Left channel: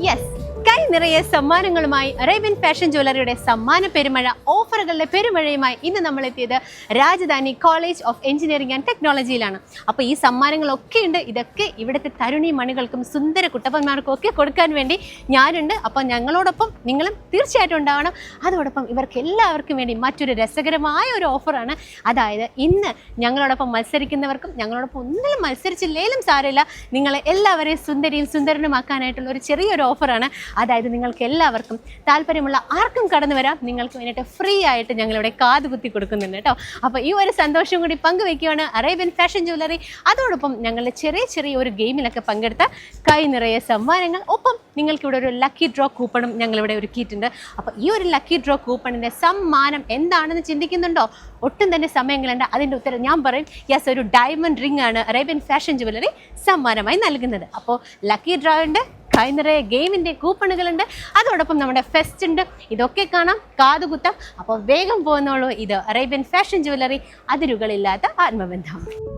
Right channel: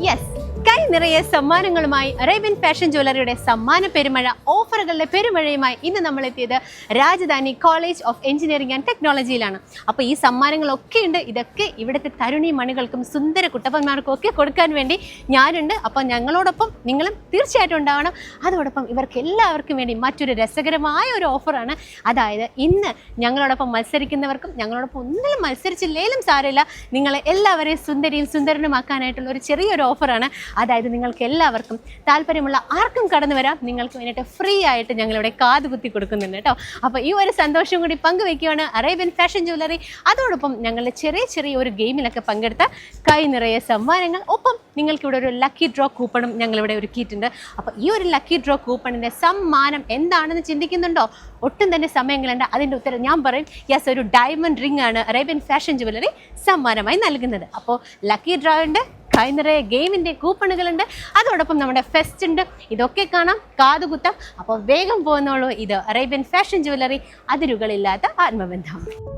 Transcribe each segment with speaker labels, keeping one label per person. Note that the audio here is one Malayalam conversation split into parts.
Speaker 1: യെസ് കൈ നിറയെ സമ്മാനങ്ങളുമായി അറേബ്യൻ ഫാഷൻ ജ്വല്ലറിയുടെ സമ്മാന പെരുമഴ ഓഫറുകളുടെ പെരുമഴയുമായി ഇന്ന് നമ്മൾ എത്തിയത് Rajadhani college of engineering and ടെക്നോളജിയിലാണ്. അപ്പോൾ ഈ സമ്മാനങ്ങളൊക്കെ ഉണ്ട്. ഇതൊക്കെ ഇവിടുത്തെ തരുണി മണികൾക്കും സുന്ദര കുട്ടപ്പന്മാർക്കും ഒക്കെ കൊടുക്കാൻ വേണ്ടി ഞാനുണ്ട്. അപ്പോൾ ഞങ്ങളോടൊപ്പം നിങ്ങളും തീർച്ചയായിട്ടും ഉണ്ടാവണം. അതോടൊപ്പം ഇവർക്ക് എല്ലാവർക്കും വേണ്ടി മറ്റൊരു രസകരമായ ഒരു ഓഫറാണ്. അതായത് ഇന്ന് ഞങ്ങളോടൊപ്പം മത്സരിക്കുന്നവർക്കും ഞങ്ങളോടൊപ്പം ഒന്നിലും മത്സരിച്ചില്ലേലും സാരമില്ല. നിങ്ങളെ എല്ലാവരെയും സുന്ദരിയും സുന്ദരനുമാക്കാനായിട്ടുള്ള ഒരു ചെറിയൊരു ഓഫറാണ്. അതായത് നിങ്ങൾക്ക് എല്ലാവർക്കും താല്പര്യമുള്ള ആർക്കും കടന്നു വരാം. നിങ്ങൾക്ക് വേണ്ടിയിട്ട് ഫ്രീ ആയിട്ട് ഞങ്ങളിവിടെ കാത് കുത്തി കൊടുക്കുന്നുണ്ട് കേട്ടോ. അപ്പോൾ ഈ ഒരു സന്തോഷം കൂടി പങ്കുവെക്കുകയാണ് അറേബ്യൻ ഫാഷൻ ജ്വല്ലറി അതോടൊപ്പം ഞങ്ങളുടെ ചെറിയ ചെറിയ ഒരു ഗെയിമിലൊക്കെ പങ്കെടുത്ത കൈ നിറയെ സമ്മാനങ്ങൾ. ഒപ്പം നിങ്ങൾക്ക് ഇവിടെ ഒരു ലക്കി ഡ്രോ കൂപ്പണും ഞങ്ങളിവിടെ ഒരുക്കിയിട്ടുണ്ട്. അപ്പോൾ ഈ ഒരു ലക്കി ഡ്രോ കൂപ്പണിന്റെ സമ്മാനം എന്താണെന്ന് ചിന്തിക്കുന്നുണ്ടോ? ഒട്ടും തന്നെ സമയങ്ങളുണ്ട് അതിന്റെ ഉത്തരം ഞാൻ പറയും. യെസ് ഒരു ഡയമണ്ട് റിംഗ് ആണ് അറേബ്യൻ ഫാഷൻ ജ്വല്ലറി സമ്മാനമായി നൽകുന്നത്. അപ്പോൾ ലക്കി ഡ്രോ കൈ നിറയെ ഗെയിമിന്റെ കൂപ്പണുകളുണ്ട്. അതോടൊപ്പം നമ്മുടെ ഫെസ്റ്റ് ഉണ്ട്. ഇതൊക്കെ കാണാം. കാതുകുത്താം. അപ്പോൾ വേഗം പോകുന്നുള്ളൂ ഇത് അറേബ്യൻ ഫാഷൻ ജ്വല്ലറി അതിരുകളില്ലാത്ത ആത്മബന്ധം.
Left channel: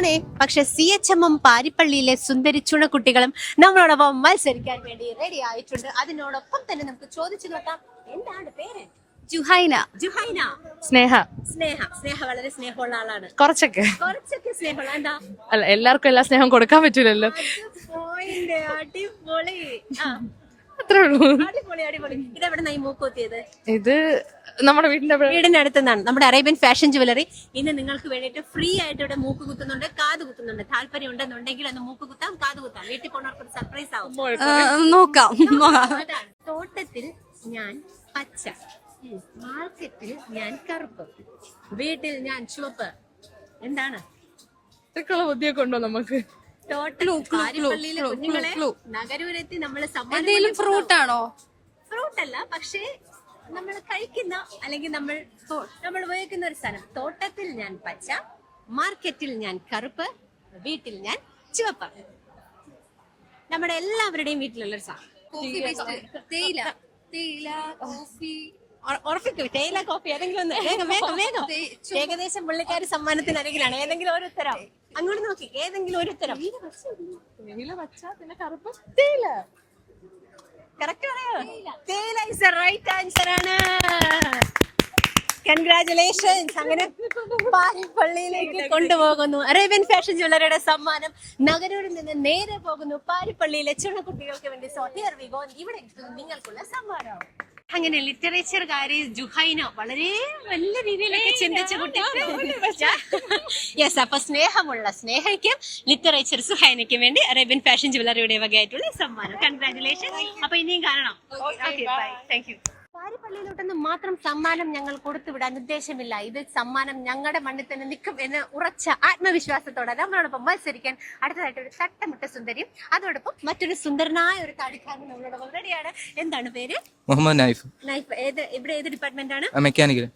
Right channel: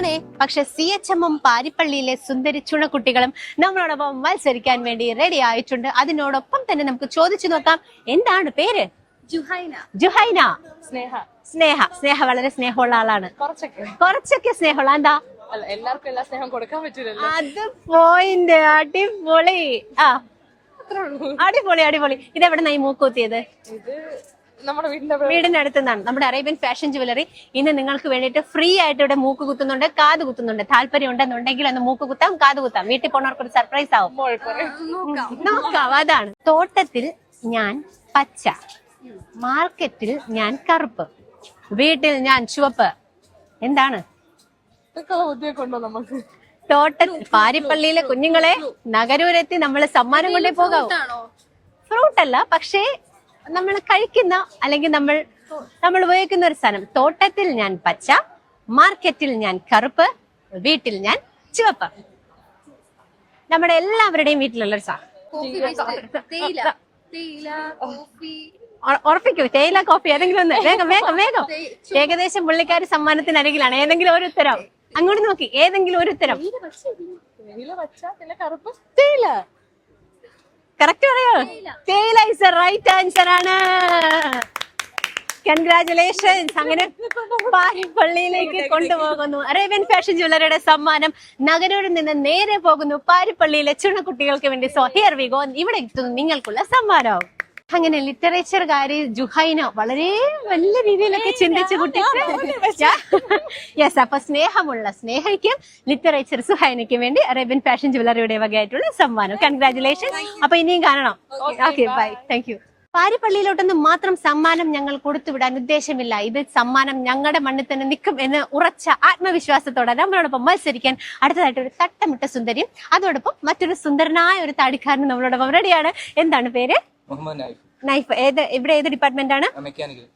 Speaker 1: നഗരൂരാണേ പക്ഷെ സി എച്ച് എം എം പാരിപ്പള്ളിയിലെ സുന്ദരി ചുണക്കുട്ടികളും നമ്മളോടൊപ്പം മത്സരിക്കാൻ വേണ്ടി റെഡി ആയിട്ടുണ്ട്. അതിനോടൊപ്പം തന്നെ നമുക്ക് ചോദിച്ചു നോക്കാം. എന്താണ് പേര്?
Speaker 2: ജുഹൈന.
Speaker 1: ജുഹൈന.
Speaker 2: സ്നേഹ.
Speaker 1: സ്നേഹ. സ്നേഹ വളരെ സ്നേഹമുള്ള ആളാണ്.
Speaker 2: കുറച്ചൊക്കെ.
Speaker 1: കുറച്ചൊക്കെ സ്നേഹമുള്ള എന്താ?
Speaker 2: അല്ല എല്ലാവർക്കും എല്ലാ സ്നേഹം കൊടുക്കാൻ പറ്റൂലല്ലോ.
Speaker 1: അത് പോയിന്റ്. അടിപൊളി. ആ.
Speaker 2: അത്രേ ഉള്ളൂ.
Speaker 1: അടിപൊളി അടിപൊളി. ഇതെവിടെ നിന്നായി മൂക്കൂത്തിയത്
Speaker 2: ഇത് നമ്മുടെ വീടിന്റെ
Speaker 1: വീടിന്റെ അടുത്തുനിന്നാണ് നമ്മുടെ അറേബ്യൻ ഫാഷൻ ജുവലറി ഇന്ന് നിങ്ങൾക്ക് വേണ്ടിയിട്ട് ഫ്രീ ആയിട്ട് ഇവിടെ മൂക്ക് കുത്തുന്നുണ്ട് കാത് കുത്തുന്നുണ്ട്. താല്പര്യം ഉണ്ടെന്നുണ്ടെങ്കിൽ ഒന്ന് മൂക്ക് കുത്താം കാത് കുത്താം. വീട്ടിൽ പോണവർക്ക് ഒരു സർപ്രൈസ് ആവും.
Speaker 2: നോക്കാം.
Speaker 1: അതാണ്. തോട്ടത്തിൽ ഞാൻ പച്ച. മാർക്കറ്റിൽ ഞാൻ കറുപ്പ്. വീട്ടിൽ ഞാൻ ചുവപ്പ്. എന്താണ്?
Speaker 2: ബുദ്ധിയൊക്കെ ഉണ്ടോ നമുക്ക്?
Speaker 1: തോട്ടത്തിൽ പാരിപ്പള്ളിയിലെ കുഞ്ഞുങ്ങളെ നഗരൂരെത്തി നമ്മൾ സമ്മാനം കൊണ്ടേ പോകാം ഫ്രൂട്ട് അല്ല പക്ഷേ നമ്മൾ കഴിക്കുന്ന അല്ലെങ്കിൽ നമ്മൾ നമ്മൾ ഉപയോഗിക്കുന്ന ഒരു സാധനം. തോട്ടത്തിൽ ഞാൻ പച്ച മാർക്കറ്റിൽ ഞാൻ കറുപ്പ് വീട്ടിൽ ഞാൻ ചുവപ്പ്. നമ്മുടെ എല്ലാവരുടെയും വീട്ടിലുള്ള ഒരു സാധനം. ഉറപ്പിക്കൂ തേയില കോഫി ഏതെങ്കിലും ഒന്ന്. വേഗം വേഗം വേഗം. ഏകദേശം പുള്ളിക്കാരി സമ്മാനത്തിന് അരികിലാണ്. ഏതെങ്കിലും ഒരു ഉത്തരം. അങ്ങോട്ട് നോക്കി ഏതെങ്കിലും ഒരു ഉത്തരം. തേയില. കറക്റ്റ് പറയോ? തേയില ഇസ് റൈറ്റ് ആൻസർ ആണ്. കൺഗ്രാചുലേഷൻസ് അങ്ങനെ പാരിപ്പള്ളിയിലേക്ക് കൊണ്ടുപോകുന്നു. അറേബ്യൻ ഫാഷൻ ജ്വല്ലറിയുടെ സമ്മാനം നഗരൂരിൽ നിന്ന് നേരെ പോകുന്നു പാരിപ്പള്ളിയിലെ ചുണക്കുട്ടികൾക്ക് വേണ്ടി. സോ ഹിയർ വി ഗോ ഇവിടെ എത്തുന്നു നിങ്ങൾക്കുള്ള സമ്മാനം. അങ്ങനെ ലിറ്ററേച്ചർകാര് ജുഹൈന വളരെ നല്ല രീതിയിലൊക്കെ ചിന്തിച്ചു യെസ് അപ്പൊ സ്നേഹമുള്ള സ്നേഹയ്ക്ക് ലിറ്ററേച്ചർ സുഹൈനയ്ക്ക് വേണ്ടി അറേബ്യൻ ഫാഷൻ ജുവലറിയുടെ വകയായിട്ടുള്ള സമ്മാനം. കൺഗ്രാറ്റുലേഷൻ അപ്പൊ ഇനിയും കാണണം. ഓക്കെ ബൈ താങ്ക് യു പാരിപ്പള്ളിയിലോട്ടൊന്നും മാത്രം സമ്മാനം ഞങ്ങൾ കൊടുത്തുവിടാൻ ഉദ്ദേശമില്ല. ഇത് സമ്മാനം ഞങ്ങളുടെ മണ്ണിൽ തന്നെ നിൽക്കും എന്ന് ഉറച്ച ആത്മവിശ്വാസത്തോടെ നമ്മളോടൊപ്പം മത്സരിക്കാൻ അടുത്തതായിട്ട് ഒരു തട്ടമിട്ട സുന്ദരിയും അതോടൊപ്പം മറ്റൊരു സുന്ദരനായ ഒരു താടിക്കാരൻ നമ്മളോടൊപ്പം റെഡിയാണ്. എന്താണ് പേര്?
Speaker 3: മുഹമ്മദ് നൈഫ്.
Speaker 1: നൈഫ്. ഏത് ഇവിടെ ഏത് ഡിപ്പാർട്ട്മെന്റ് ആണ്?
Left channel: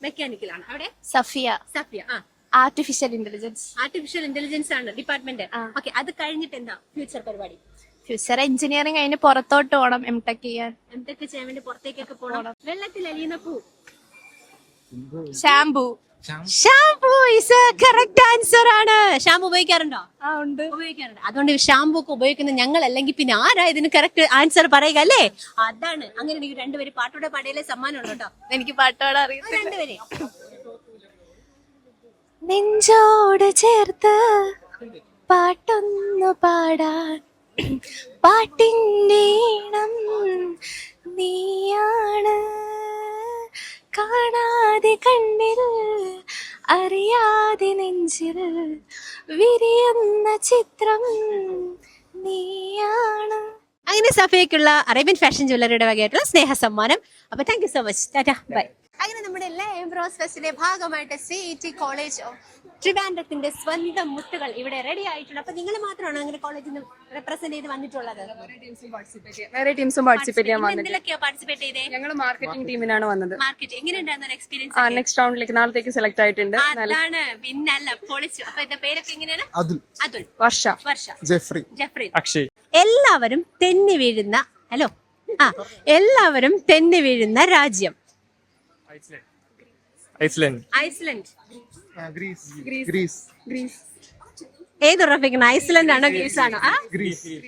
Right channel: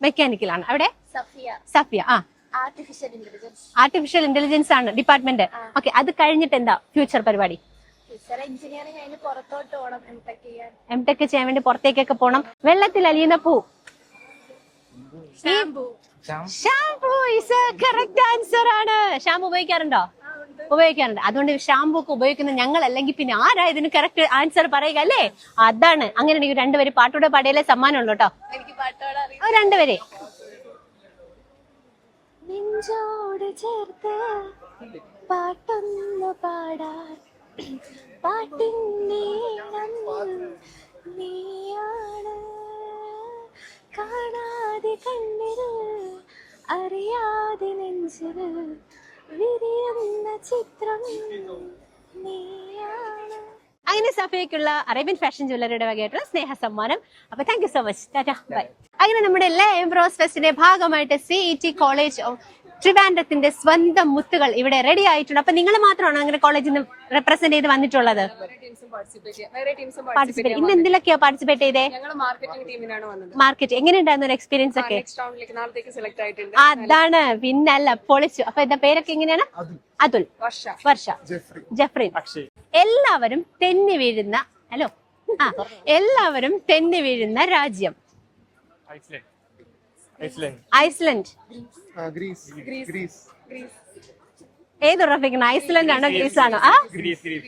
Speaker 3: മെക്കാനിക്കൽ
Speaker 1: ആണ്. അവിടെ?
Speaker 2: സഫിയ.
Speaker 1: സഫിയ ആ.
Speaker 2: ആർട്ടിഫിഷ്യൽ ഇന്റലിജൻസ്
Speaker 1: ആർട്ടിഫിഷ്യൽ ഇന്റലിജൻസ് ആണ് ഡിപ്പാർട്ട്മെന്റ് ഓക്കെ അത് കഴിഞ്ഞിട്ട് എന്താ ഫ്യൂച്ചർ പരിപാടി?
Speaker 2: ഫ്യൂച്ചർ എഞ്ചിനീയറിംഗ് അതിന് പുറത്തോട്ട് പോകണം എം ടെക് ചെയ്യാൻ.
Speaker 1: എം ടെക് ചെയ്യാൻ വേണ്ടി പുറത്തേക്കൊക്കെ പോണം. വെള്ളത്തിൽ അലിയുന്ന പൂ.
Speaker 2: Shampoo
Speaker 1: shampoo is correct answer ആണ്. ഷാംപൂ ഉപയോഗിക്കാറുണ്ടോ?
Speaker 2: ആ ഉണ്ട്.
Speaker 1: ഉപയോഗിക്കാറുണ്ട്. അതുകൊണ്ട് ഷാംപൂ ഒക്കെ ഉപയോഗിക്കുന്ന ഞങ്ങൾ അല്ലെങ്കിൽ പിന്നെ ആരാ ഇതിന് കറക്റ്റ് ആൻസർ പറയുക അല്ലേ? അതാണ്. അങ്ങനെയാണെങ്കിൽ രണ്ടുപേര് പാട്ടോടെ പാടിയാലേ സമ്മാനം ഉള്ളൂ കേട്ടോ.
Speaker 2: എനിക്ക് പാട്ടോടെ അറിയാം
Speaker 1: രണ്ടുപേരെ
Speaker 2: നെഞ്ചോട് ചേർത്ത് പാട്ടൊന്നു പാടാൻ പാട്ടിന്റെ നീയാണ്. കാണാതെ കണ്ണിൽ അറിയാതെ നെഞ്ചിൽ വിരിയുന്ന ചിത്രം നീയാണ്.
Speaker 1: അങ്ങനെ സഫയ്ക്കുള്ള അറേബ്യൻ ഫാഷൻ ജ്വല്ലറിയുടെ വകയായിട്ടുള്ള സ്നേഹ സമ്മാനം. അപ്പൊ thank you so much tata bye അങ്ങനെ നമ്മുടെ എല്ലാ എംബ്രോസ് ഫെസ്റ്റിന്റെ ഭാഗമായിട്ട് C E T college of ട്രിവാൻഡ്രത്തിന്റെ സ്വന്തം മുത്തുകൾ ഇവിടെ റെഡി ആയിട്ടുണ്ട്. അപ്പൊ നിങ്ങൾ മാത്രമാണ് അങ്ങനെ കോളേജിൽ നിന്ന് റെപ്രസെന്റ് ചെയ്ത് വന്നിട്ടുള്ളത്?
Speaker 3: വേറെ ടീംസും പാർട്ടിസിപ്പേറ്റ് ചെയ്യാൻ
Speaker 1: ഇന്ന് എന്തിലൊക്കെയാ പാർട്ടിസിപ്പേറ്റ് ചെയ്തേ?
Speaker 3: ഞങ്ങൾ മാർക്കറ്റിംഗ് ടീമിനാണ് വന്നത്.
Speaker 1: മാർക്കറ്റ് എങ്ങനെയുണ്ടായിരുന്നു ഒരു എക്സ്പീരിയൻസ്
Speaker 3: നെക്സ്റ്റ് റൗണ്ടിലേക്ക് നാളത്തേക്ക് സെലക്ട് ആയിട്ടുണ്ട്.
Speaker 1: അതാണ് പിന്നല്ല പൊളിച്ചു. അപ്പൊ എന്താ പേരൊക്കെ എങ്ങനെയാണ്?
Speaker 4: അതുൽ.
Speaker 1: അതുൽ.
Speaker 3: വർഷ.
Speaker 1: വർഷ.
Speaker 4: ജെഫ്രി.
Speaker 1: ജെഫ്രി.
Speaker 5: അക്ഷയ്
Speaker 1: എല്ലാവരും തെന്നി വീഴുന്ന ഹലോ. ആ എല്ലാവരും തെന്നി വീഴുന്ന രാജ്യം.
Speaker 5: Iceland. Iceland.
Speaker 1: Iceland.
Speaker 4: Greece. Greece. Greece.
Speaker 1: ഏത് ഉറപ്പിക്കണം? ഐസ്ലൻഡ് ആണോ ഗ്രീസ് ആണോ? ആ?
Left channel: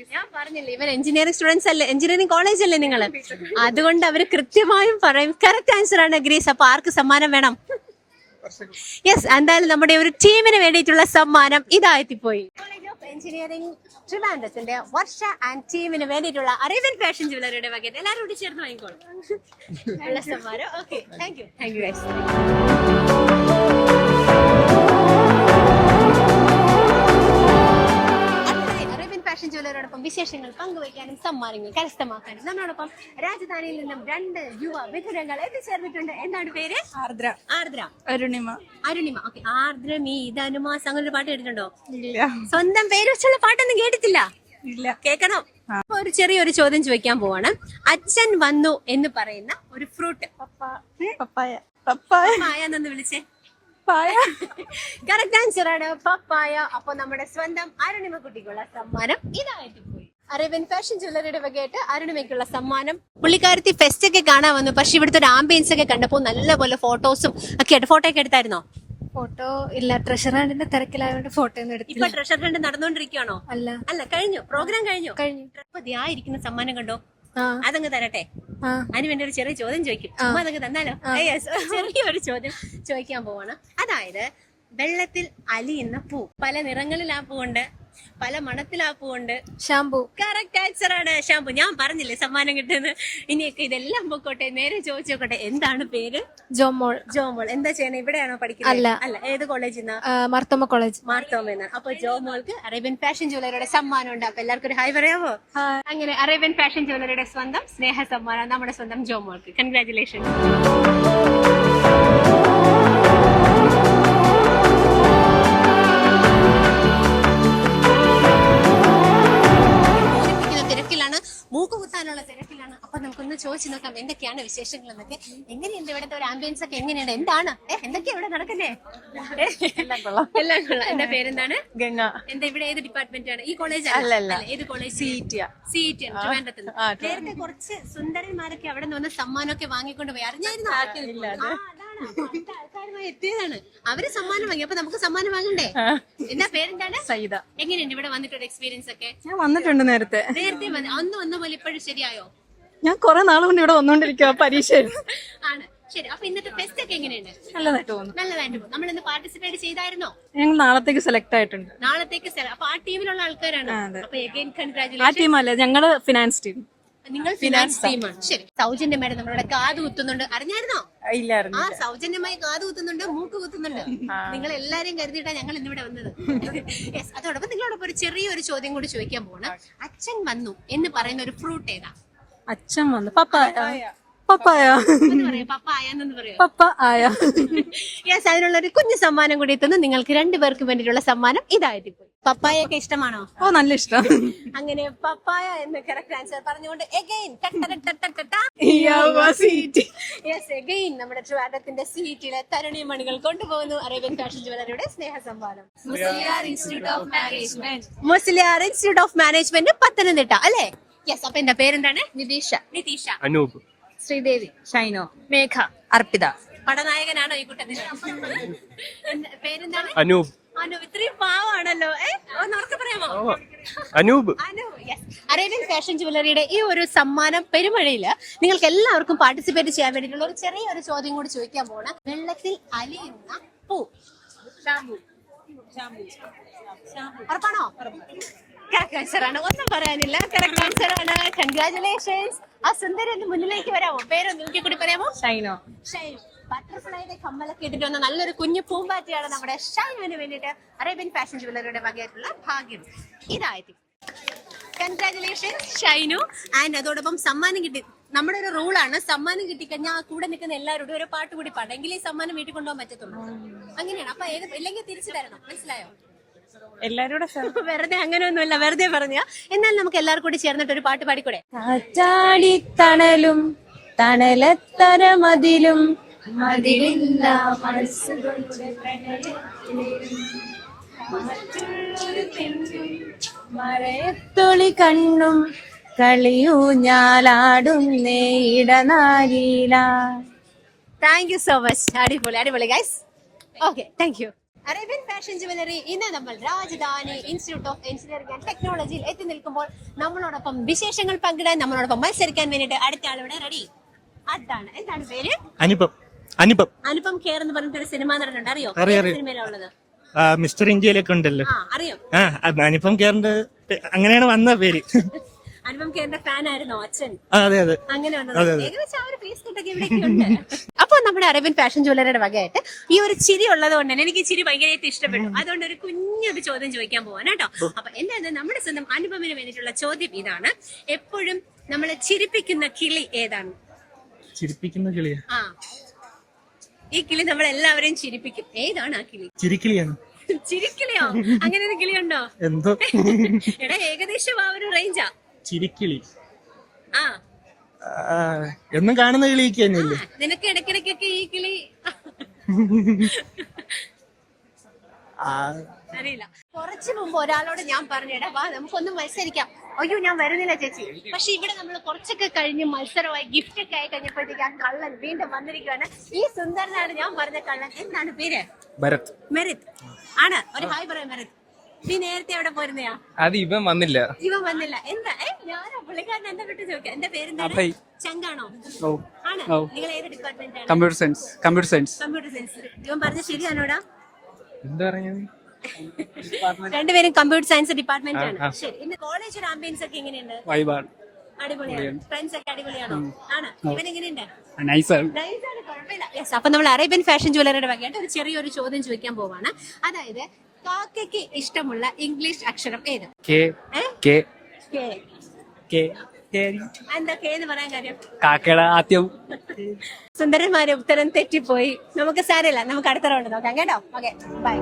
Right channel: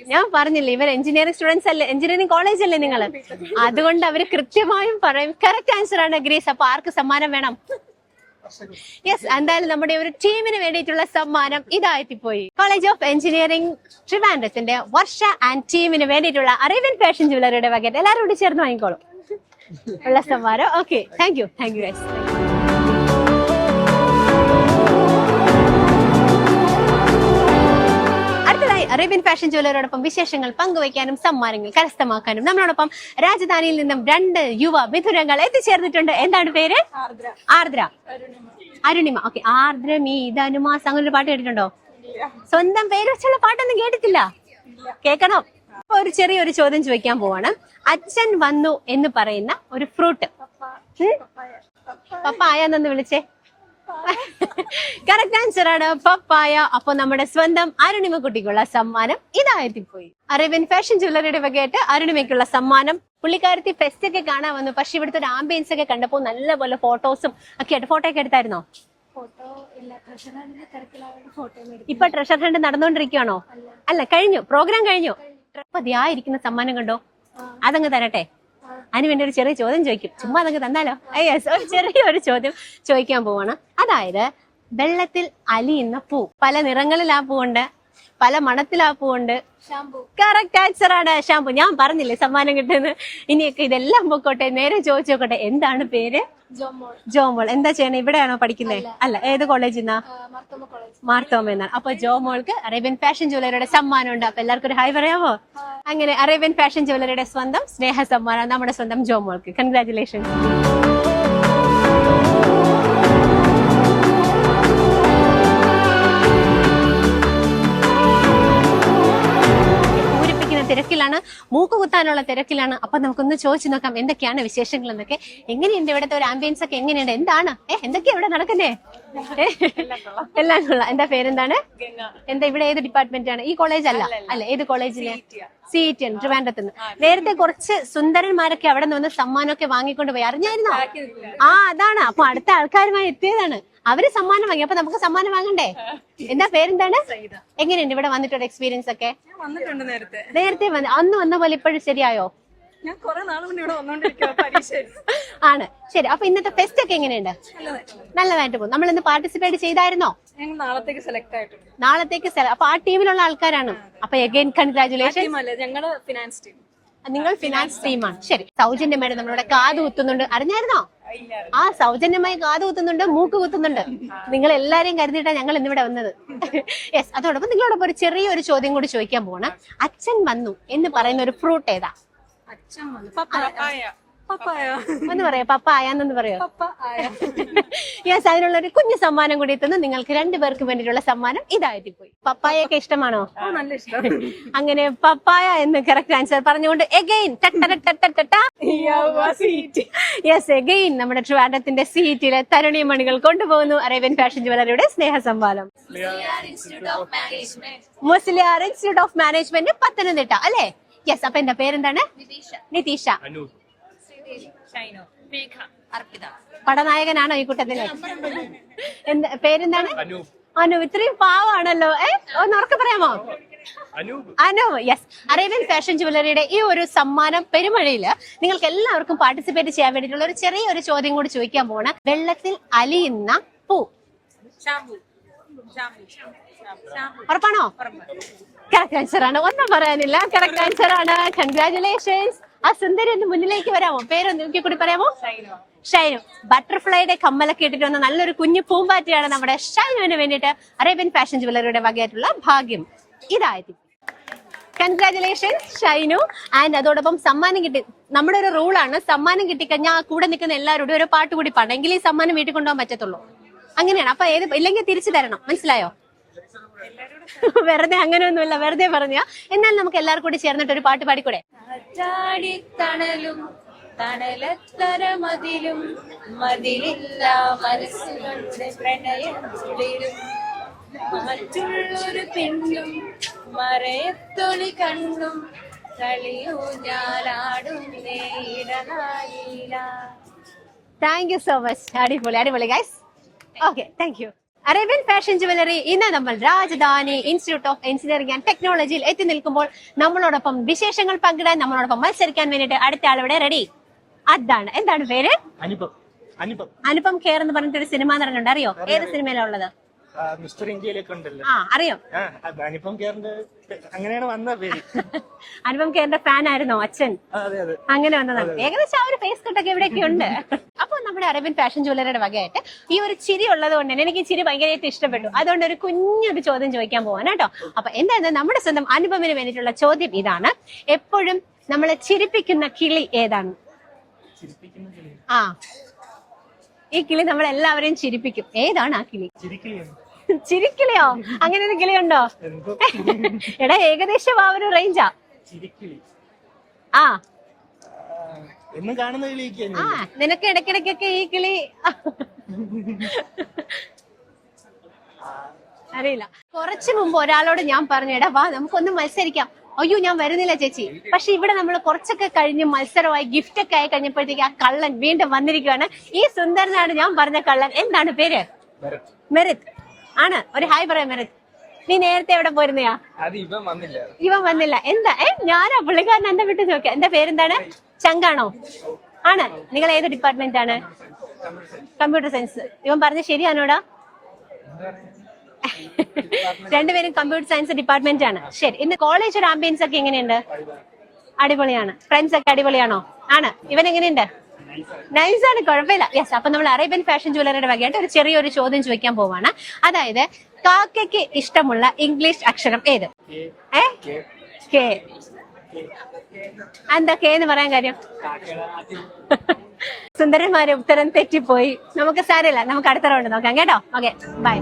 Speaker 1: ഞാൻ പറഞ്ഞില്ലേ ഇവർ എഞ്ചിനീയറിംഗ് സ്റ്റുഡൻസ് അല്ലേ? എഞ്ചിനീയറിംഗ് കോളേജ് അല്ലേ നിങ്ങൾ അതുകൊണ്ട് അവർ കൃത്യമായും പറയും. കറക്റ്റ് ആൻസർ ആണ് ഗ്രീസ്. അപ്പൊ ആർക്ക് സമ്മാനം വേണം? യെസ് എന്തായാലും നമ്മുടെ ഒരു ടീമിന് വേണ്ടിയിട്ടുള്ള സമ്മാനം ഇതായെത്തിപ്പോയി കോളേജ് ഓഫ് എഞ്ചിനീയറിംഗ് ട്രിവാൻഡ്രത്തിന്റെ വർഷ ആൻഡ് ടീമിന് വേണ്ടിയിട്ടുള്ള അറിവൻ ഫാഷൻ ജ്വല്ലറിയുടെ വകറ്റ് എല്ലാവരും കൂടി ചേർന്ന് വാങ്ങിക്കോളും. ഉള്ള സമ്മാനം. Okay thank you thank you Arabian fashion ജ്വല്ലറിയോടൊപ്പം വിശേഷങ്ങൾ പങ്കുവയ്ക്കാനും സമ്മാനങ്ങൾ കരസ്ഥമാക്കാനും നമ്മളോടൊപ്പം രാജധാനിയിൽ നിന്നും രണ്ട് യുവ മിഥുനങ്ങൾ എത്തിച്ചേർന്നിട്ടുണ്ട്. എന്താണ് പേര്?
Speaker 2: ആർദ്ര.
Speaker 1: ആർദ്ര.
Speaker 2: അരുണിമ.
Speaker 1: അരുണിമ. ഓക്കെ ആർദ്ര മീതാനുമാസ് അങ്ങനെ ഒരു പാട്ട് കേട്ടിട്ടുണ്ടോ? സ്വന്തം പേര് വെച്ചുള്ള പാട്ടൊന്നും കേട്ടിട്ടില്ല. കേൾക്കണം. അപ്പൊ ഒരു ചെറിയൊരു ചോദ്യം ചോദിക്കാൻ പോവാണ്. അച്ഛൻ വന്നു എന്ന് പറയുന്ന ഒരു ഫ്രൂട്ട്.
Speaker 2: പപ്പായ. പപ്പായ.
Speaker 1: പപ്പായ എന്നൊന്ന് വിളിച്ചേ. കറക്റ്റ് ആൻസർ ആണ് പപ്പായ. അപ്പൊ നമ്മുടെ സ്വന്തം അരുണിമ കുട്ടിക്കുള്ള സമ്മാനം പോയി അറേബ്യൻ ഫാഷൻ ജ്വല്ലറിയുടെ വകയായിട്ട് അരുണിമയ്ക്കുള്ള സമ്മാനം. പുള്ളിക്കാരത്തി ഫെസ്റ്റ് ഒക്കെ കാണാൻ വന്നു. പക്ഷെ ഇവിടുത്തെ ഒരു ആംബിയൻസ് ഒക്കെ കണ്ടപ്പോൾ നല്ലപോലെ ഫോട്ടോസും ഒക്കെ ആയിട്ട് ഫോട്ടോ ഒക്കെ എടുത്തായിരുന്നോ?
Speaker 2: ഫോട്ടോ ഇല്ല. ട്രഷർ ഹണ്ടിന്റെ തിരക്കിലായതുകൊണ്ട് ഫോട്ടോ ഒന്നും എടുത്തില്ല.
Speaker 1: ഇപ്പൊ ട്രഷർ ഹണ്ട് നടന്നുകൊണ്ടിരിക്കുകയാണോ
Speaker 2: അല്ല.
Speaker 1: അല്ല കഴിഞ്ഞു. പ്രോഗ്രാം കഴിഞ്ഞു.
Speaker 2: കഴിഞ്ഞു.
Speaker 1: അപ്പൊ ഇരിക്കുന്ന സമ്മാനം കണ്ടോ? അതങ്ങ് തരട്ടെ. അതിന് വേണ്ടി ഒരു ചെറിയ ചോദ്യം ചോദിക്കും. ചുമ്മാ അതങ്ങ് തന്നാലോ? ചെറിയ ഒരു ചെറിയൊരു ചോദ്യം ചോദിക്കാൻ പോവാണ്. അതായത് വെള്ളത്തിൽ അലിയുന്ന പൂ. പല നിറങ്ങളിൽ ആ പൂവുണ്ട്. പല മണത്തിൽ ആ പൂവുണ്ട്.
Speaker 2: ഷാംപൂ.
Speaker 1: കറക്റ്റ് ആൻസർ ആണ് ഷാംപൂ. ഞാൻ പറഞ്ഞില്ലേ സമ്മാനം കിട്ടുന്നത് ഇനിയൊക്കെ ഇതെല്ലാം പൊക്കോട്ടെ. നേരെ ചോദിച്ചു നോക്കട്ടെ. എന്താണ് പേര്?
Speaker 2: ജോമോൾ.
Speaker 1: ജോമോൾ. എന്താ ചെയ്യണേ? ഇവിടെയാണോ പഠിക്കുന്നത്?
Speaker 2: അല്ല.
Speaker 1: അല്ല. ഏത് കോളേജിൽ നിന്നാ
Speaker 2: മാർത്തോമ കോളേജ്
Speaker 1: മാർത്തോമ എന്നാണ്. അപ്പൊ ജോമോൾക്ക് അറേബ്യൻ ഫാഷൻ ജ്വല്ലറിയുടെ സമ്മാനം ഉണ്ട്. അപ്പൊ എല്ലാവർക്കും ഒരു ഹായ് പറയാമോ. അങ്ങനെ അറേബ്യൻ ഫാഷൻ ജ്വല്ലറിയുടെ സ്വന്തം സ്നേഹ സമ്മാനം നമ്മുടെ സ്വന്തം ജോമോൾക്ക്. കൺഗ്രാറ്റുലേഷൻ കുത്താനുള്ള തിരക്കിലാണ്. അപ്പൊ നമുക്കൊന്ന് ചോദിച്ചു നോക്കാം എന്തൊക്കെയാണ് വിശേഷങ്ങൾ എന്നൊക്കെ എങ്ങനെയുണ്ട് ഇവിടുത്തെ ഒരു ആംബിയൻസ് ഒക്കെ എങ്ങനെയുണ്ട്? എന്താണ്? ഏഹ് എന്തൊക്കെയാ ഇവിടെ നടക്കുന്നേ? എല്ലാം കൊള്ളാം. എന്റെ പേരെന്താണ്?
Speaker 3: ഗംഗ.
Speaker 1: എന്താ ഇവിടെ ഏത് ഡിപ്പാർട്ട്മെന്റ് ആണ്? ഈ കോളേജ് അല്ല. അല്ല ഏത് കോളേജ്
Speaker 3: സി ഇ
Speaker 1: സീറ്റ് ആണ് ട്രിവാൻഡ്രത്ത് നേരത്തെ കുറച്ച് സുന്ദരന്മാരൊക്കെ അവിടെ നിന്ന് സമ്മാനമൊക്കെ വാങ്ങിക്കൊണ്ട് പോയി. അറിഞ്ഞായിരുന്നു? ആ അതാണ്. അപ്പൊ അടുത്ത ആൾക്കാരുമായി എത്തിയതാണ്. അവർ സമ്മാനം വാങ്ങി. അപ്പൊ നമുക്ക് സമ്മാനം വാങ്ങണ്ടേ? എന്താ പേരെന്താണ്? എങ്ങനെയുണ്ട് ഇവിടെ വന്നിട്ടുള്ള എക്സ്പീരിയൻസ് ഒക്കെ?
Speaker 3: ഞാൻ വന്നിട്ടുണ്ട് നേരത്തെ.
Speaker 1: നേരത്തെ അന്ന് വന്ന പോലെ ഇപ്പോഴും ശരിയായോ?
Speaker 3: ഞാൻ കുറെ നാൾ കൊണ്ട് ഇവിടെ വന്നോണ്ടിരിക്കുക പരീക്ഷ
Speaker 1: ആണ്. ശരി. അപ്പൊ ഇന്നത്തെ ഫെസ്റ്റ് ഒക്കെ എങ്ങനെയുണ്ട്?
Speaker 3: നല്ലതായിട്ട്
Speaker 1: പോകും നമ്മൾ ഇന്ന് പാർട്ടിസിപ്പേറ്റ് ചെയ്തായിരുന്നോ?
Speaker 3: ഞങ്ങൾ നാളത്തേക്ക് സെലക്ട് ആയിട്ടുണ്ട്.
Speaker 1: നാളത്തേക്ക് അപ്പൊ ആ ടീമിലുള്ള ആൾക്കാരാണ്. അപ്പൊ എഗൈൻ
Speaker 3: കൺഗ്രാചുലേഷൻ
Speaker 1: കൺഗ്രാറ്റുലേഷൻ
Speaker 3: ടീം അല്ല ഞങ്ങൾ ഫിനാൻസ് ടീം
Speaker 1: നിങ്ങൾ ഫിനാൻസ് ടീമാണ് ശരി. സൗജന്യമായിട്ട് നമ്മളുടെ കാത് കുത്തുന്നുണ്ട്. അറിഞ്ഞായിരുന്നോ? ആ സൗജന്യമായി കാത് കുത്തുന്നുണ്ട് മൂക്ക് കുത്തുന്നുണ്ട്. നിങ്ങൾ എല്ലാരെയും കരുതിയിട്ടാണ് ഞങ്ങൾ ഇന്നിവിടെ വന്നത്. യെസ് അതോടൊപ്പം നിങ്ങളോടൊപ്പം ഒരു ചെറിയൊരു ചോദ്യം കൂടി ചോദിക്കാൻ പോകണം അച്ഛൻ വന്നു എന്ന് പറയുന്ന ഒരു ഫ്രൂട്ട് ഏതാ?
Speaker 3: അച്ഛൻ വന്നു. പപ്പായ. പപ്പായ?
Speaker 1: എന്ന് പറയാം പപ്പ എന്ന് പറയാം.
Speaker 3: പപ്പ ആയ
Speaker 1: യെസ് അതിനുള്ള ഒരു കുഞ്ഞു സമ്മാനം കൂടി എത്തുന്നു നിങ്ങൾക്ക് രണ്ടുപേർക്ക് വേണ്ടിയിട്ടുള്ള സമ്മാനം ഇതായിട്ട് പോയി പപ്പായൊക്കെ ഇഷ്ടമാണോ?
Speaker 3: ഓ നല്ല ഇഷ്ടം.
Speaker 1: അങ്ങനെ പപ്പായ എന്ന് കറക്റ്റ് ആൻസർ പറഞ്ഞുകൊണ്ട് എഗെയിൻ യെസ് എഗെയിൻ നമ്മുടെ ട്രിവാൻഡത്തിന്റെ സീറ്റിലെ തരുണി മണികൾ കൊണ്ടുപോകുന്നു അറേബ്യൻ ഫാഷൻ ജ്വല്ലറിയുടെ സ്നേഹ സംവാദം Musaliar institute of management Pathanamthitta അല്ലേ? യെസ് അപ്പൊ എന്താ പേരെന്താണ്?
Speaker 2: നിതീഷ.
Speaker 1: നിതീഷ.
Speaker 5: അനൂപ്.
Speaker 2: ശ്രീദേവി
Speaker 3: ഷൈനോ
Speaker 2: മേഘ.
Speaker 3: അർപ്പിത.
Speaker 1: പടനായകനാണോ ഈ കൂട്ടത്തിൽ എന്താ പേരെന്താണ്?
Speaker 5: അനൂപ്.
Speaker 1: അനൂപ്. ഇത്രയും പാവാണല്ലോ. ഏ ഒന്ന് ഉറക്കെ പറയാമോ?
Speaker 5: Anoop.
Speaker 1: Anoop yes Arabian fashion ജുവലറിയുടെ ഈ ഒരു സമ്മാനം പെരുമഴയിൽ നിങ്ങൾക്ക് എല്ലാവർക്കും പാർട്ടിസിപ്പേറ്റ് ചെയ്യാൻ വേണ്ടിയിട്ടുള്ള ഒരു ചെറിയൊരു ചോദ്യം കൂടി ചോദിക്കാൻ പോണ വെള്ളത്തിൽ അലിയുന്ന പൂ. ഉറപ്പാണോ? കറക്റ്റ് ആൻസർ ആണ്. ഒന്നും പറയാനില്ല. കറക്റ്റ് ആൻസർ ആണ്. കൺഗ്രാറ്റുലേഷൻസ് ആ സുന്ദരി ഒന്ന് മുന്നിലേക്ക് വരാമോ? പേര് നോക്കി കൂടി പറയാമോ?
Speaker 3: ഷൈനോ.
Speaker 1: ഷൈനു. ബട്ടർഫ്ലൈയുടെ കമ്മലൊക്കെ ഇട്ടിട്ട് വന്ന നല്ലൊരു കുഞ്ഞു പൂമ്പാറ്റയാണ് നമ്മുടെ ഷൈനുവിന് വേണ്ടിയിട്ട് അറേബ്യൻ ഫാഷൻ ജ്വല്ലറിയുടെ വകയായിട്ടുള്ള ഭാഗ്യം. ഇതായത്. കൺഗ്രാചുലേഷൻ ഷൈനു. ആൻഡ് അതോടൊപ്പം സമ്മാനം കിട്ടി. നമ്മുടെ ഒരു റൂളാണ് സമ്മാനം കിട്ടിക്കഴിഞ്ഞാൽ കൂടെ നിൽക്കുന്ന എല്ലാവരോടും ഒരു പാട്ട് കൂടി പാടണം. എങ്കിൽ ഈ സമ്മാനം വീട്ടിൽ കൊണ്ടുപോകാൻ പറ്റത്തുള്ളൂ. അങ്ങനെയാണ്. അപ്പൊ ഏത് ഇല്ലെങ്കിൽ തിരിച്ചു തരണം. മനസ്സിലായോ? വെറുതെ അങ്ങനെയൊന്നുമില്ല വെറുതെ പറഞ്ഞ എന്നാൽ നമുക്ക് എല്ലാവർക്കും കൂടി ചേർന്നിട്ട് ഒരു പാട്ട് പാടിക്കൂടെ?
Speaker 3: കാറ്റാടി തണലും തണലത്തര മതിലും മതിലില്ല മനസ്സുകളുടെ പ്രണയത്തിലും മറ്റുള്ളൊരു പെണ്ണും മറയത്തൊളി കണ്ണും കളിയൂഞ്ഞാലാടുന്നേ ഇടനാരീല
Speaker 1: താങ്ക് യു സോ മച്ച് അടിപൊളി അടിപൊളി guys okay thank you Arabian fashion jewellery ഇന്ന് നമ്മൾ Rajadhani institute of engineering and ടെക്നോളജിയിൽ എത്തി നിൽക്കുമ്പോൾ നമ്മളോടൊപ്പം വിശേഷങ്ങൾ പങ്കിടാൻ നമ്മളോടൊപ്പം മത്സരിക്കാൻ വേണ്ടിയിട്ട് അടുത്ത ആളിവിടെ റെഡി അതാണ്. എന്താണ് പേര്?
Speaker 5: അനുപം. അനുപം.
Speaker 1: അനുപം കെയർ എന്ന് പറഞ്ഞിട്ട് ഒരു സിനിമ നടക്കുന്നുണ്ട് അറിയോ? സിനിമയിലുള്ളത്
Speaker 5: മിസ്റ്റർ ഇന്ത്യയിലൊക്കെ ഉണ്ടല്ലോ.
Speaker 1: അറിയോ.
Speaker 5: അനുപം കേറിന്റെ അങ്ങനെയാണ് വന്ന പേര്.
Speaker 1: അനുപം കെയറിന്റെ ഫാൻ ആയിരുന്നോ അച്ഛൻ
Speaker 5: അതെ അതെ.
Speaker 1: അങ്ങനെ വന്നതാണ് ഏകദേശം ആ ഒരു ഫേസ് കട്ടൊക്കെ ഇവിടെയൊക്കെ ഉണ്ട്. അപ്പൊ നമ്മുടെ അറേബ്യൻ ഫാഷൻ ജ്വല്ലറിയുടെ വകയായിട്ട് ഈ ഒരു ചിരി ഉള്ളത് കൊണ്ട് തന്നെ എനിക്ക് ചിരി ഭയങ്കരമായിട്ട് ഇഷ്ടപ്പെട്ടു. അതുകൊണ്ട് ഒരു കുഞ്ഞൊരു ചോദ്യം ചോദിക്കാൻ പോവാൻ കേട്ടോ. അപ്പൊ എന്താ നമ്മുടെ സ്വന്തം അനുപമിന് വേണ്ടിയിട്ടുള്ള ചോദ്യം ഇതാണ്. എപ്പോഴും നമ്മളെ ചിരിപ്പിക്കുന്ന കിളി ഏതാണ്?
Speaker 5: ചിരിപ്പിക്കുന്ന കിളി
Speaker 1: ആ. ഈ കിളി നമ്മൾ എല്ലാവരെയും ചിരിപ്പിക്കും. ഏതാണ് ആ കിളി?
Speaker 5: ചിരിക്കിളിയാണ്.
Speaker 1: ചിരിക്കിളിയോ? അങ്ങനെ ഒരു കിളിയുണ്ടോ?
Speaker 5: എന്തോ?
Speaker 1: എടാ ഏകദേശം ആ ഒരു റേഞ്ചാ
Speaker 5: ചിരിക്കിളി.
Speaker 1: ആ.
Speaker 5: എന്നും കാണുന്ന കിളിയൊക്കെ തന്നെയല്ലേ?
Speaker 1: നിനക്ക് ഇടയ്ക്കിടയ്ക്കൊക്കെ ഈ കിളി.
Speaker 5: ആ,
Speaker 1: അറിയില്ല. കുറച്ചു മുമ്പ് ഒരാളോട് ഞാൻ പറഞ്ഞു എടാ വാ നമുക്കൊന്ന് മത്സരിക്കാം. അയ്യോ ഞാൻ വരുന്നില്ല ചേച്ചി. പക്ഷെ ഇവിടെ നമ്മൾ കുറച്ചൊക്കെ കഴിഞ്ഞ് മത്സരമായി ഗിഫ്റ്റ് ഒക്കെ ആയി കഴിഞ്ഞപ്പോഴത്തേക്ക് ആ കള്ളൻ വീണ്ടും വന്നിരിക്കുകയാണ് ഈ സുന്ദരനാണ് ഞാൻ പറഞ്ഞ കള്ളൻ. എന്താണ് പേര്?
Speaker 5: ഭരത്.
Speaker 1: മെറിത് ആണ്. ഒരു ഹായ് പറയാം മെറിത് നീ നേരത്തെ എവിടെ പോയിരുന്നയാ?
Speaker 6: അത് ഇവൻ വന്നില്ല.
Speaker 1: ഇവൻ വന്നില്ല. എന്താ? ഏ ഞാനാ പുള്ളിക്കാരൻ എന്താ വിട്ടു നോക്കിയ എന്റെ പേരെന്താണ്? ചങ്കാണോ? ആണ്. നിങ്ങൾ ഏത് ഡിപ്പാർട്ട്മെന്റ് ആണ്?
Speaker 6: Computer science computer science
Speaker 1: computer science ഇവൻ പറഞ്ഞ ശരിയാണോടാ?
Speaker 6: എന്താ
Speaker 1: രണ്ടുപേരും കമ്പ്യൂട്ടർ സയൻസ് ഡിപ്പാർട്ട്മെന്റ് ആണ്. ശരി. ഇന്ന് കോളേജ് ഒരു ആംബിയൻസ് ഒക്കെ എങ്ങനെയുണ്ട്? അടിപൊളിയാണ്. ഫ്രണ്ട്സ് ഒക്കെ അടിപൊളിയാണോ? ആണ്. ഇവൻ എങ്ങനെയുണ്ട്?
Speaker 6: നൈസാണ്
Speaker 1: കുഴപ്പമില്ല. യെസ് അപ്പൊ നമ്മൾ അറേബ്യൻ ഫാഷൻ ജ്വല്ലറിയുടെ വകയായിട്ട് ഒരു ചെറിയൊരു ചോദ്യം ചോദിക്കാൻ പോവാണ്. അതായത് കാക്കയ്ക്ക് ഇഷ്ടമുള്ള ഇംഗ്ലീഷ് അക്ഷരം ഏത്?
Speaker 6: കെ
Speaker 1: എന്താ കെ എന്ന് പറയാൻ കാര്യം?
Speaker 6: കാക്കയുടെ ആദ്യം.
Speaker 1: സുന്ദരന്മാരെ ഉത്തരം തെറ്റിപ്പോയി. നമുക്ക് സാരമില്ല. നമുക്ക് അടുത്ത റൗണ്ട് നോക്കാം. കേട്ടോ? ഓക്കെ ബൈ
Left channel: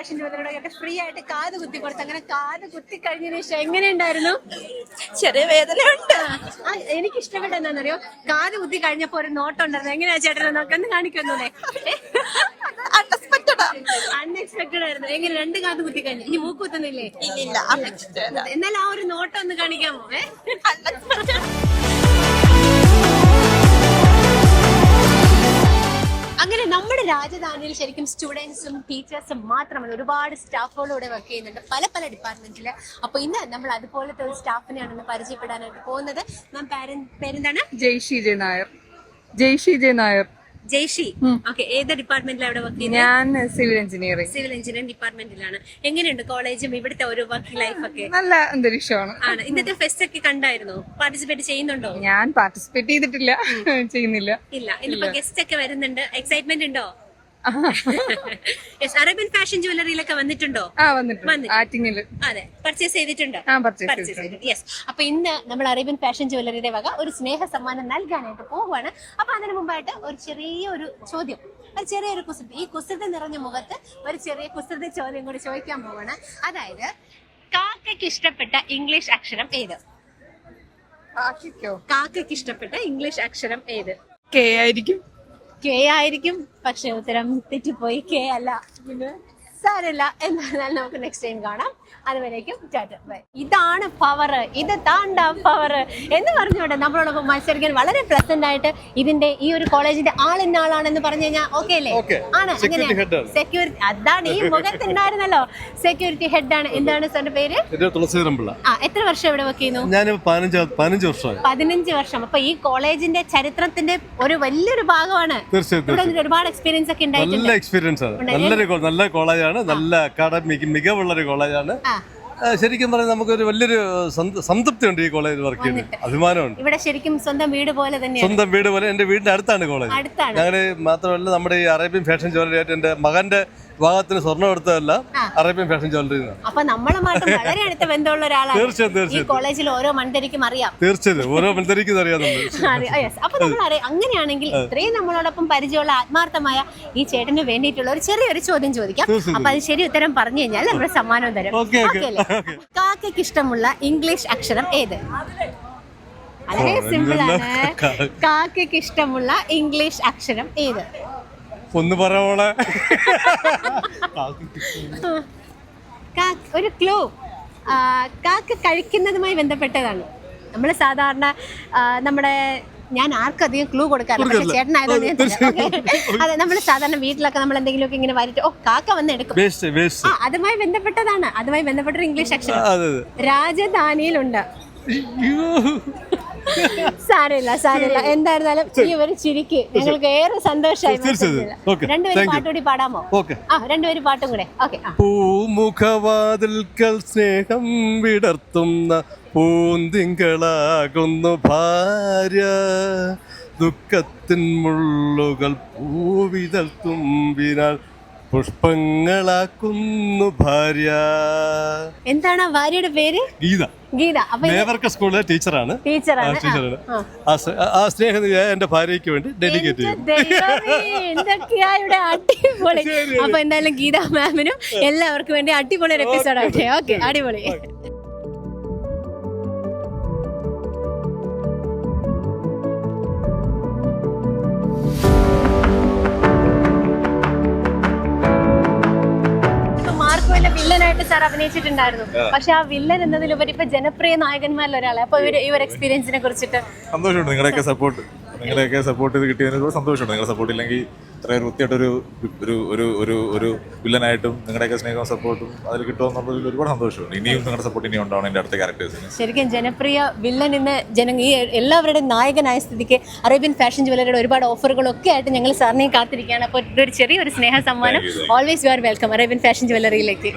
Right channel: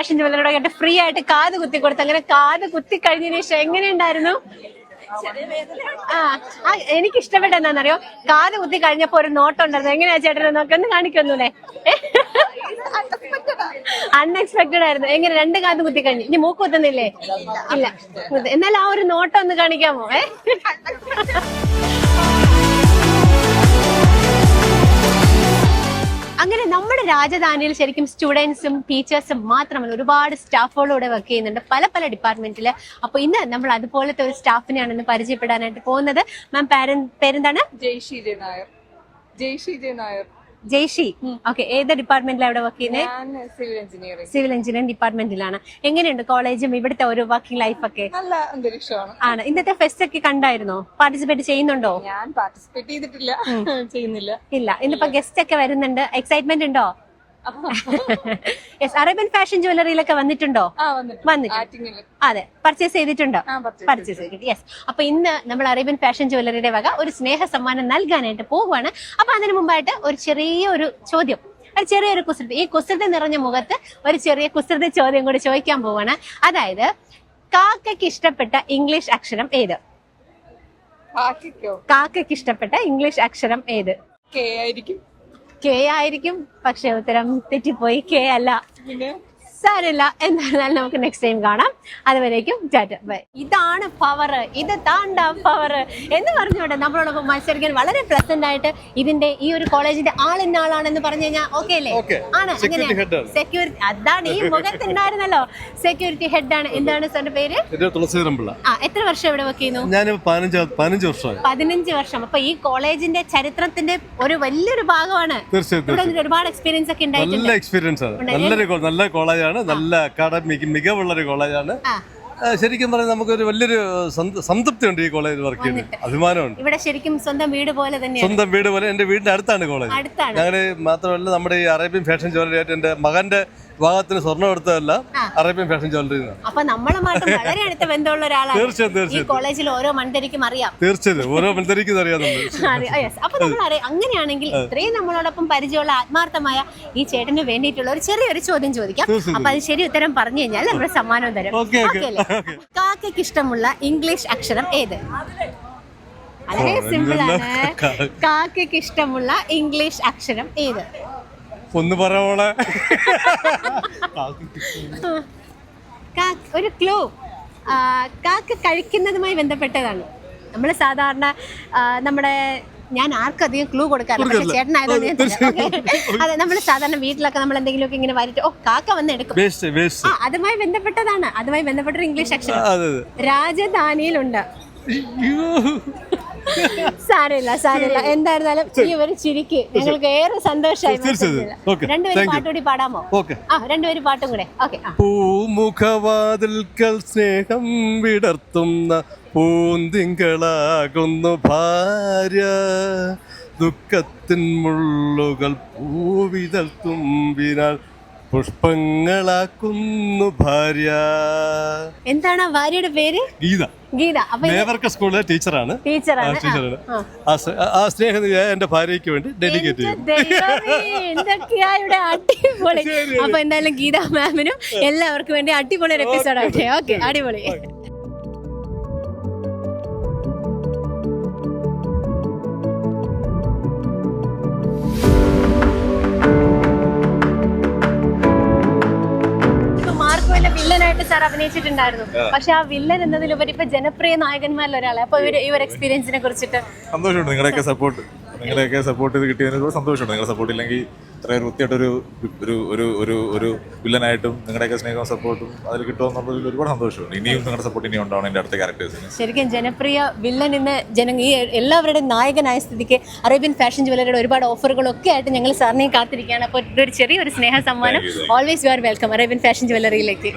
Speaker 1: ഫാഷൻ ജുവലറിയുടെ ഫ്രീ ആയിട്ട് കാത് കുത്തി കൊടുത്തു അങ്ങനെ കാത് കുത്തി കഴിഞ്ഞതിന് ശേഷം എങ്ങനെയുണ്ടായിരുന്നു?
Speaker 3: ചെറിയ വേദനയുണ്ട്.
Speaker 1: എനിക്ക് ഇഷ്ടപ്പെട്ട എന്താണെന്നറിയോ? കാത് കുത്തി കഴിഞ്ഞപ്പോ ഒരു നോട്ടം ഉണ്ടായിരുന്നു എങ്ങനെയാ ചേട്ടനെ നോക്കി ഒന്ന് കാണിക്കൊന്നൂടെ അൺഎക്സ്പെക്ടഡ് ആയിരുന്നു. എങ്ങനെ രണ്ട് കാത് കുത്തി കഴിഞ്ഞു? ഇനി മൂക്ക് കുത്തുന്നില്ലേ? ഇല്ല എന്നാൽ ആ. ഒരു നോട്ടം ഒന്ന് കാണിക്കാമോ? ഏ? അങ്ങനെ നമ്മുടെ രാജധാനിയിൽ ശരിക്കും സ്റ്റുഡൻസും ടീച്ചേഴ്സും മാത്രമല്ല ഒരുപാട് സ്റ്റാഫുകളൂടെ വർക്ക് ചെയ്യുന്നുണ്ട്. പല പല ഡിപ്പാർട്ട്മെന്റിൽ അപ്പൊ ഇന്ന് നമ്മൾ അതുപോലത്തെ ഒരു സ്റ്റാഫിനെയാണ് ഇന്ന് പരിചയപ്പെടാനായിട്ട് പോകുന്നത്. മാം പേരെന്താണ്?
Speaker 7: ജയ്ഷി ജെ നായർ. ജയ്ഷി നായർ.
Speaker 1: ജയ്ഷി. ഓക്കെ ഏത് ഡിപ്പാർട്ട്മെന്റിലാണ് ഇവിടെ വർക്ക് ചെയ്യുന്നത്
Speaker 7: ഞാൻ സിവിൽ എഞ്ചിനീയറിംഗ്
Speaker 1: സിവിൽ എഞ്ചിനീയറിംഗ് ഡിപ്പാർട്ട്മെന്റിലാണ് എങ്ങനെയുണ്ട് കോളേജും ഇവിടുത്തെ ഒരു വർക്കിംഗ് ലൈഫ് ഒക്കെ?
Speaker 7: നല്ല അന്തരീക്ഷമാണ്.
Speaker 1: ആണ്. ഇന്നത്തെ ഫെസ്റ്റ് ഒക്കെ കണ്ടായിരുന്നോ? പാർട്ടിസിപ്പേറ്റ് ചെയ്യുന്നുണ്ടോ?
Speaker 7: ഞാൻ പാർട്ടിസിപ്പേറ്റ് ചെയ്തിട്ടില്ല. ചെയ്യുന്നില്ല.
Speaker 1: ഇല്ല. ഇന്നിപ്പോ ഗസ്റ്റ് ഒക്കെ വരുന്നുണ്ട്. എക്സൈറ്റ്മെന്റ് ഉണ്ടോ? യെസ് അറേബ്യൻ ഫാഷൻ ജ്വല്ലറിയിലൊക്കെ വന്നിട്ടുണ്ടോ?
Speaker 7: ആ വന്നിട്ട്
Speaker 1: വന്നിട്ട്. അതെ പർച്ചേസ് ചെയ്തിട്ടുണ്ടോ?
Speaker 7: ആ പർച്ചേസ്
Speaker 1: ചെയ്തിട്ടുണ്ട്. ചെയ്തിട്ട് യെസ് അപ്പൊ ഇന്ന് നമ്മൾ അറേബ്യൻ ഫാഷൻ ജ്വല്ലറിയുടെ വക ഒരു സ്നേഹ സമ്മാനം നൽകാനായിട്ട് പോവുകയാണ്. അപ്പൊ അതിനു മുമ്പായിട്ട് ഒരു ചെറിയ ഒരു ചോദ്യം. ഒരു ചെറിയൊരു കുസൃതി. ഈ കുസൃതി നിറഞ്ഞ മുഖത്ത് ഒരു ചെറിയ കുസൃതി ചോദ്യം കൂടി ചോദിക്കാൻ പോവാണ്. അതായത് കാക്കയ്ക്ക് ഇഷ്ടപ്പെട്ട ഇംഗ്ലീഷ് അക്ഷരം ഏത്? കാക്കയ്ക്ക്? ഇഷ്ടപ്പെട്ട ഇംഗ്ലീഷ് അക്ഷരം ഏത്?
Speaker 7: കെ ആയിരിക്കും.
Speaker 1: കെ ആയിരിക്കും. പക്ഷെ ഉത്തരം തെറ്റിപ്പോയി. കെ അല്ല. സാരമില്ല. എന്തായാലും നമുക്ക് നെക്സ്റ്റ് ടൈം കാണാം. അതുവരേക്കും ടാറ്റ. ബൈ. ഇതാണ് പവർ ഇത് താണ്ട പവർ എന്ന് പറഞ്ഞുകൊണ്ട് നമ്മളോടൊപ്പം മത്സരിക്കാൻ വളരെ പ്ലസന്റ് ആയിട്ട് ഇതിന്റെ ഈ ഒരു കോളേജിന്റെ ആളിന്ന ആളാണെന്ന് പറഞ്ഞു കഴിഞ്ഞാൽ ഓക്കെ അല്ലേ. ആണ്.
Speaker 4: അങ്ങനെ.
Speaker 1: സെക്യൂരിറ്റി അതാണ് ഈ മുഖത്തുണ്ടായിരുന്നല്ലോ. സെക്യൂരിറ്റി ഹെഡ് ആണ്. എന്താണ് സാറിന്റെ പേര്? ആ എത്ര വർഷം ഇവിടെ വർക്ക് ചെയ്യുന്നു?
Speaker 4: ഞാൻ പതിനഞ്ച് വർഷം
Speaker 1: പതിനഞ്ച് വർഷം. അപ്പൊ ഈ കോളേജിന്റെ ചരിത്രത്തിന്റെ ഒരു വലിയൊരു ഭാഗമാണ്. ഒരുപാട് എക്സ്പീരിയൻസ് ഒക്കെ ഉണ്ടായിട്ടുണ്ട്.
Speaker 4: നല്ല എക്സ്പീരിയൻസ് ആണ് നല്ല കോളേജാണ് നല്ല അക്കാഡമിക് മികവുള്ള ഒരു കോളേജാണ്. ശരിക്കും പറഞ്ഞാൽ നമുക്കൊരു വലിയൊരു സംത- സംതൃപ്തി ഉണ്ട് ഈ കോളേജിൽ വർക്ക് ചെയ്യുന്നത് അഭിമാനമുണ്ട്.
Speaker 1: ഇവിടെ ശരിക്കും സ്വന്തം വീട് പോലെ തന്നെ
Speaker 4: സ്വന്തം വീട് പോലെ. എന്റെ വീടിന്റെ അടുത്താണ് കോളേജ്. ഞങ്ങളുടെ മാത്രമല്ല നമ്മുടെ ഈ അറേബ്യൻ ഫാഷൻ ജോലിയായിട്ട് ആയിട്ട് എന്റെ മകന്റെ വിവാഹത്തിന് സ്വർണം എടുത്തതല്ല അറേബ്യൻ ഫാഷൻ ജ്വല്ലറി
Speaker 1: അപ്പൊ നമ്മളുമായിട്ട് വളരെ അടുത്ത ബന്ധമുള്ള ഒരാളാണ്.
Speaker 4: തീർച്ചയായും
Speaker 1: ഈ
Speaker 4: തീർച്ചയായും.
Speaker 1: കോളേജിൽ ഓരോ മൺതരിക്കും അറിയാം.
Speaker 4: തീർച്ചയായും ഓരോ മത്സരിക്കുന്നത് അറിയാം നമ്മൾ
Speaker 1: അറിയാം. Yes. അപ്പൊ നമ്മൾ അറിയാം അങ്ങനെയാണെങ്കിൽ ഇത്രയും നമ്മളോടൊപ്പം പരിചയമുള്ള ആത്മാർത്ഥമായ ഈ ചേട്ടന് വേണ്ടിയിട്ടുള്ള ഒരു ചെറിയൊരു ചോദ്യം ചോദിക്കാം.
Speaker 4: തീർച്ചയായും.
Speaker 1: അപ്പൊ അത് ശരി ഉത്തരം പറഞ്ഞു കഴിഞ്ഞാൽ നമ്മുടെ സമ്മാനം തരും.
Speaker 4: Okay, okay.
Speaker 1: അല്ലേ? കാക്കയ്ക്ക് ഇഷ്ടമുള്ള ഇംഗ്ലീഷ് അക്ഷരം ഏത്? വളരെ സിമ്പിൾ ആണ്. കാക്കയ്ക്ക് ഇഷ്ടമുള്ള ഇംഗ്ലീഷ് അക്ഷരം ഏത്?
Speaker 4: ഒന്ന് പറയോളെ
Speaker 1: ഒരു ക്ലൂ കാക്ക കഴിക്കുന്നതുമായി ബന്ധപ്പെട്ടതാണ്. നമ്മൾ സാധാരണ നമ്മുടെ ഞാൻ ആർക്കും അധികം ക്ലൂ കൊടുക്കാറില്ല. പക്ഷെ
Speaker 4: കൊടുക്കില്ല.
Speaker 1: ചേട്ടനായതുകൊണ്ട് ഞാൻ തരാം. അതെ നമ്മൾ സാധാരണ വീട്ടിലൊക്കെ നമ്മൾ എന്തെങ്കിലുമൊക്കെ ഇങ്ങനെ വരട്ടെ ഓ കാക്ക വന്ന് എടുക്കും.
Speaker 4: വേസ്റ്റ് വേസ്റ്റ്
Speaker 1: ആ അതുമായി ബന്ധപ്പെട്ടതാണ്. അതുമായി ബന്ധപ്പെട്ട ഇംഗ്ലീഷ് അക്ഷരം
Speaker 4: അതെ അതെ.
Speaker 1: രാജധാനിയിലുണ്ട്. സാരമില്ല സാരമില്ല. എന്തായിരുന്നാലും ഈ ഒരു ചിരിക്ക് ഞങ്ങൾക്ക് ഏറെ സന്തോഷമായി. രണ്ടുപേരും പാട്ടുകൂടി പാടാമോ?
Speaker 4: ഓക്കെ.
Speaker 1: ആ രണ്ടുപേരും പാട്ടും കൂടെ. ഓക്കെ
Speaker 4: പൂമുഖവാതിൽക്കൽ സ്നേഹം വിടർത്തുന്ന പൂന്തിങ്കളാകുന്നു ഭാര്യ. ദുഃഖത്തിൻ മുള്ളുകൾ പൂവിതൽ തുമ്പിനാൽ പുഷ്പങ്ങളാക്കുന്നു ഭാര്യ.
Speaker 1: എന്താണ് ആ ഭാര്യയുടെ പേര്?
Speaker 4: ഗീത.
Speaker 1: ഗീത. അപ്പൊ ഇത്
Speaker 4: സ്കൂളിലെ ടീച്ചറാണ്.
Speaker 1: ടീച്ചറാണ്. ആ,
Speaker 4: ടീച്ചറാണ്.
Speaker 1: ആ.
Speaker 4: ആ സ്- ആ സ്നേഹം ഞാൻ എന്റെ ഭാര്യയ്ക്ക് വേണ്ടി ഡെഡിക്കേറ്റ് ചെയ്യും
Speaker 1: ദൈവമേ, എന്തൊക്കെയാ ഇവിടെ അടിപൊളി. അപ്പൊ എന്തായാലും ഗീത മാമിനും എല്ലാവർക്കും വേണ്ടി അടിപൊളി ഒരു എപ്പിസോഡ് ആവട്ടെ. ഓക്കെ അടിപൊളി. വില്ലനായിട്ട് സാർ അഭിനയിച്ചിട്ടുണ്ടായിരുന്നു. പക്ഷെ ആ വില്ലൻ എന്നതിലുപരി ഇപ്പൊ ജനപ്രിയ നായകന്മാരിൽ ഒരാളെ അപ്പൊ ഇവർ ഈ ഒരു എക്സ്പീരിയൻസിനെ കുറിച്ചിട്ട്
Speaker 8: സന്തോഷമുണ്ട്. നിങ്ങളുടെയൊക്കെ സപ്പോർട്ട് നിങ്ങളുടെയൊക്കെ സപ്പോർട്ട് ചെയ്ത് കിട്ടിയതിന് സന്തോഷമുണ്ട്. നിങ്ങളുടെ സപ്പോർട്ട് ഇല്ലെങ്കിൽ ഇത്രയും വൃത്തിയായിട്ടൊരു ഒരു ഒരു ഒരു ഒരു വില്ലനായിട്ടും നിങ്ങളുടെയൊക്കെ സ്നേഹവും സപ്പോർട്ടും അതിൽ കിട്ടുമെന്നുള്ളതിൽ ഒരുപാട് സന്തോഷമുണ്ട്. ഇനിയും നിങ്ങളുടെ സപ്പോർട്ട് ഇനിയും ഉണ്ടാവണം എന്റെ അടുത്ത ക്യാരക്ടേഴ്സിന്
Speaker 1: ശരിക്കും ജനപ്രിയ വില്ലൻ ഇന്ന് ജന ഈ എല്ലാവരുടെയും നായകനായ സ്ഥിതിക്ക് അറേബ്യൻ ഫാഷൻ ജ്വല്ലറിയുടെ ഒരുപാട് ഓഫറുകളൊക്കെ ആയിട്ട് ഞങ്ങൾ സാറിനെ കാത്തിരിക്കുകയാണ്. അപ്പോൾ ഒരു ചെറിയൊരു സ്നേഹ സമ്മാനം. Always you are welcome Arabian fashion ജ്വല്ലറിയിലേക്ക്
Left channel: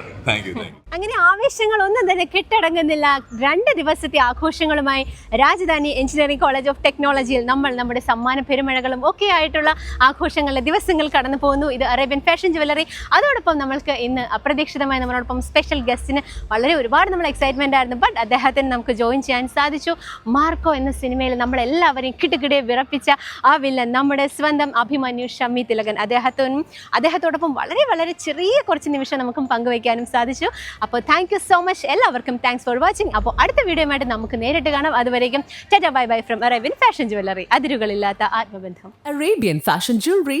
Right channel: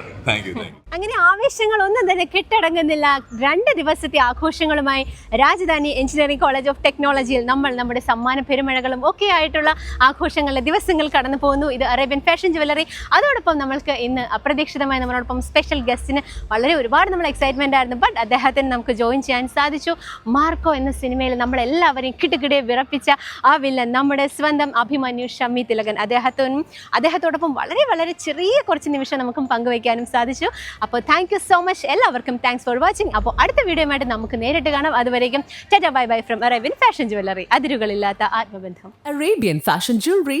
Speaker 1: അങ്ങനെ ആവേശങ്ങളൊന്നും തന്നെ കെട്ടടങ്ങുന്നില്ല. രണ്ട് ദിവസത്തെ ആഘോഷങ്ങളുമായി രാജധാനി എഞ്ചിനീയറിംഗ് കോളേജ് ഓഫ് ടെക്നോളജിയിൽ നമ്മൾ നമ്മുടെ സമ്മാന പെരുമഴകളും ഒക്കെ ആയിട്ടുള്ള ആഘോഷങ്ങളിലെ ദിവസങ്ങൾ കടന്നു പോകുന്നു. ഇത് അറേബ്യൻ ഫാഷൻ ജുവല്ലറി. അതോടൊപ്പം നമ്മൾക്ക് ഇന്ന് അപ്രതീക്ഷിതമായി നമ്മളോടൊപ്പം സ്പെഷ്യൽ ഗസ്റ്റിന് വളരെ ഒരുപാട് നമ്മൾ എക്സൈറ്റ്മെന്റ് ആയിരുന്നു. ബട്ട് അദ്ദേഹത്തിന് നമുക്ക് ജോയിൻ ചെയ്യാൻ സാധിച്ചു. മാർക്കോ എന്ന സിനിമയിൽ നമ്മളെല്ലാവരെയും കിട്ടുകിടെ വിറപ്പിച്ച ആ വില്ലൻ നമ്മുടെ സ്വന്തം അഭിമന്യു ഷമ്മി തിലകൻ. അദ്ദേഹത്തിനും അദ്ദേഹത്തോടൊപ്പം വളരെ വളരെ ചെറിയ കുറച്ച് നിമിഷം നമുക്കും പങ്കുവയ്ക്കാനും സാധിച്ചു. അപ്പോൾ താങ്ക് സോ മച്ച് എല്ലാവർക്കും താങ്ക്സ് ഫോർ വാച്ചിങ് അപ്പോൾ അടുത്ത വീഡിയോയുമായിട്ട് നമുക്ക് നേരിട്ട് കാണാം. അതുവരേക്കും tata bye bye from Arabian fashion jewellery. അതിരുകളില്ലാത്ത ആത്മബന്ധം.
Speaker 9: Arabian fashion Jewelry,